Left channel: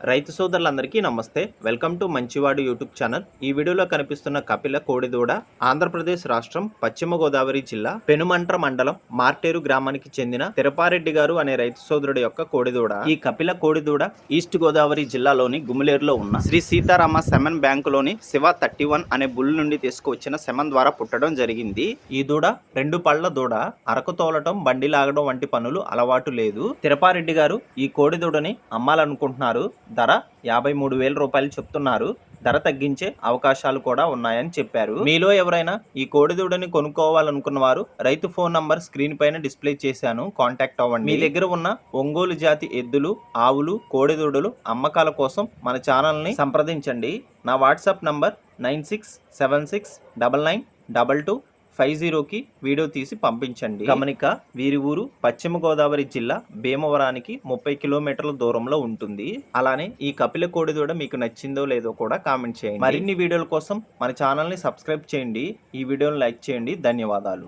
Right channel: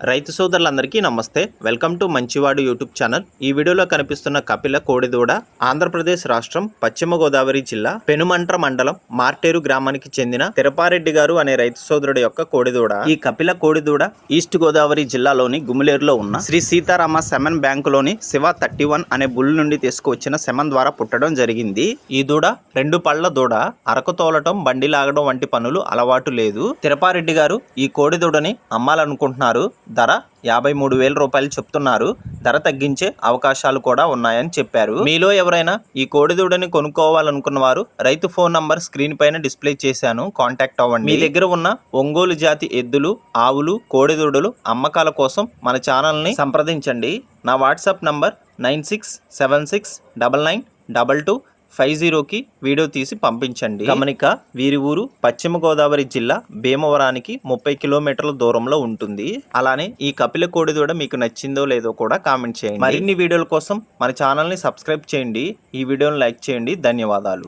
రైతు సోదరులందరికీ నమస్తే. వెల్కమ్ టు మంచివాడు యూట్యూబ్ ఛానల్. ఈ వీడియోలో కనిపిస్తున్న కపిల కోడిదూడ ఆంధ్రప్రదేశ్ రాష్ట్రం పశ్చిమ గోదావరి జిల్లా పెనుమంట్ర మండలం మార్టేరు గ్రామానికి చెందిన తిరుపారెడ్డి గారు అనే రైతు సోదరుడు యొక్క కోడిదూడ. ఈ కపిల కోడిదూడ ఈస్ట్ గోదావరి జిల్లాలోని గుమిలేరులో ఉన్న శ్రీ సీతారామ సెమన్ బ్యాంకులోని శివ 31 అనే బుల్ నుండి తీసుకువచ్చిన సెమన్ ద్వారా పుట్టడం జరిగింది. ఈ దూడ 2 పళ్ల దూడ. అరకు తోలటం, బండి లాగడం వంటి పనులు అలవాటు లేదు. తిరుపారెడ్డి గారు ఈ కోడిదూడని అమ్మాలనుకుంటున్నారు. ధర 53,000 రూపాయలు చెప్తున్నారు. ధర తగ్గించే అవకాశాలు కూడా ఉన్నాయని చెప్పారు. మీలో ఎవరైనా ఈ కోడిదూడని కొనుక్కోవాలనుకున్న వారు రైతు ఫోన్ నంబర్ స్క్రీన్ పైన డిస్ప్లే చేశాను, కాంటాక్ట్ అవ్వండి. మీ దగ్గర ఉన్న ఒంగోలు జాతి ఎద్దులు, ఆవులు, కోడిదూడలు అమ్మకాల కోసం మన ఛానల్ని సంప్రదించండి. నా వాట్సాప్ నంబర్ 9676992250కి వీడియో తీసి పంపించండి. గమనిక, వీరి ఊరు పశ్చిమ గోదావరి జిల్లా భీమవరానికి 30 కిలోమీటర్ల దూరంలో ఉంటుంది. అలానే ఈ కపిల కోడిదూడ మీకు నచ్చిందో లేదో కూడా కామెంట్ చేయండి. మరిన్ని వీడియోల కోసం మన ఛానల్ని సబ్స్క్రైబ్ చేయండి. ఈ వీడియోని లైక్ చేయండి. ధన్యవాదాలు.